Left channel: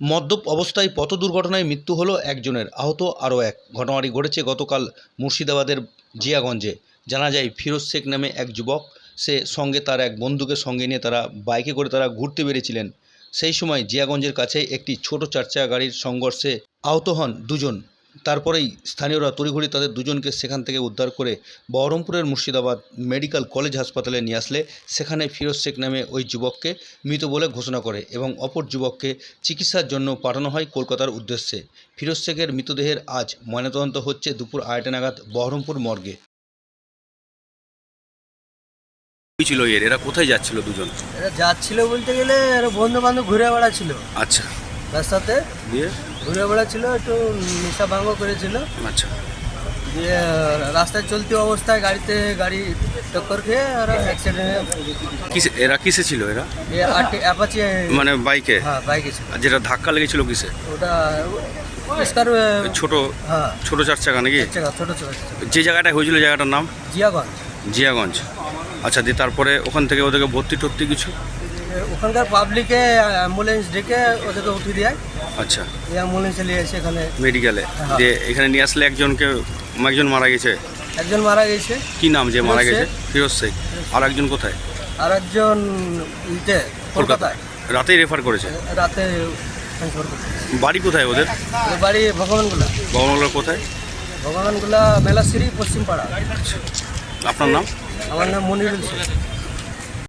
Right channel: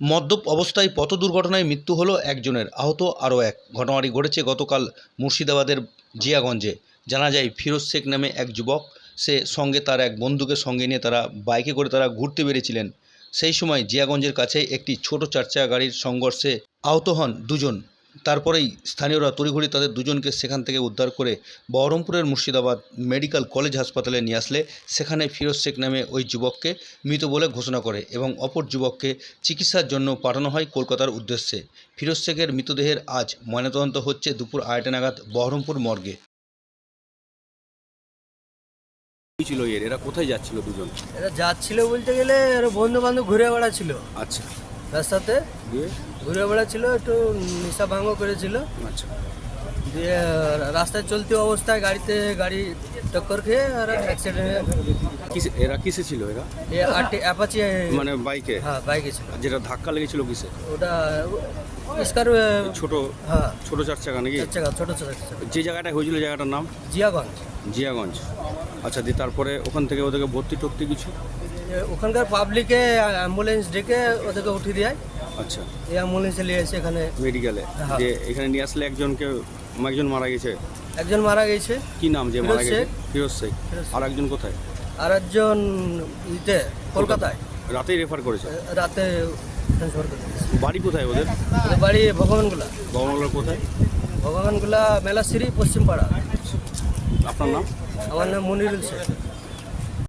মদ্যপ অবস্থায় পথ দুর্ঘটনায় মৃত্যু হলো একজনের। আহত আরও এক। ঘটনাটি ঘটেছে গতকাল মুর্শিদাবাদের জিয়াগঞ্জে। জানা যায়, ফিরোজ শেখ নামে এক যুবক, সে সঙ্গে তার এক বন্ধুকে সঙ্গে নিয়ে তারা বাইকে করে তারা ঘুরতে বেরিয়েছিলেন। সেই সময় জিয়াগঞ্জের কাছে একটি ছোট চারচাকা গাড়ির সংঘর্ষে আহত হন দুজন। তারপরেই স্থানীয়রা তড়িঘড়ি তাদের দুজনকে সেখান থেকে উদ্ধার করে বহরমপুরের মুর্শিদাবাদ মেডিকেল কলেজ হাসপাতালে নিয়ে আসলে। সেখানে ফিরোজ শেখ নামে ওই যুবককে মৃত বলে ঘোষণা করে এবং অপর যুবককে চিকিৎসার জন্য পাঠানো হয় কলকাতার উদ্দেশ্যে। ফিরোজ শেখের মৃতদেহের আজ ময়নাতদন্ত হচ্ছে দুপুর আড়াইটা নাগাদ বহরমপুর মর্গে। ছিল এর? এরা কোথায় যাচ্ছিল দুজন? যাচ্ছিল বলতে গেলে এরা বন্ধু বান্ধব ঘুরে বেড়াচ্ছিল। আচ্ছা। রাস্তাতে দিয়ে? ঘুরে বেড়াচ্ছিল একটু নেশা ভাঙ্গ করেছিল। আচ্ছা। দিয়ে রাস্তায় চলতি অবস্থায় গাড়িতে গাড়ি টক্কর খেয়ে আর অ্যাক্সিডেন্টে কিসে এরা কিসে ছিল এরা? অ্যাপাচি মানে বাইকে? হ্যাঁ বাইকে ছিল। আর যেটা ধাক্কা লেগেছিল কিসে? ওটা পরিষ্কার ছোট হ্যাঁ। ছোট চার চাকা নাকি যে জায়গাটা হয়েছিল জায়গাটার নাম? জিয়াগঞ্জ। জিয়াগঞ্জ। আচ্ছা দিয়ে তারপরে ওখান থেকে ওদেরকে ভর্তি টর্তি কিছু? ওখানকার পাবলিকে অ্যাম্বুলেন্স ডেকে ওদেরকে উঠিয়ে দেয়। আচ্ছা। অ্যাম্বুলেন্সে নিয়ে এসে এখানে মেডিকেলে হ্যাঁ। দিয়ে এখানে নিয়ে আসলে একজনকে একজন মারা গেছে? একজন মারা গেছে। কি নাম যে মারা গেছে? ফিরোজ শেখ। আর একজন কোথায়? আর একজন ইতে কলকাতায়। রাতেই রেফার করেছে? রাতে বাড়ি কোথায় ওদের? বাড়ি ভগবানগুলা ভবনগুলো কোথায়? ভগবানগুলা মেলাশ্রী পশ্চিমপাড়া। আপনার নাম? আমার নাম মনিরুল শেখ।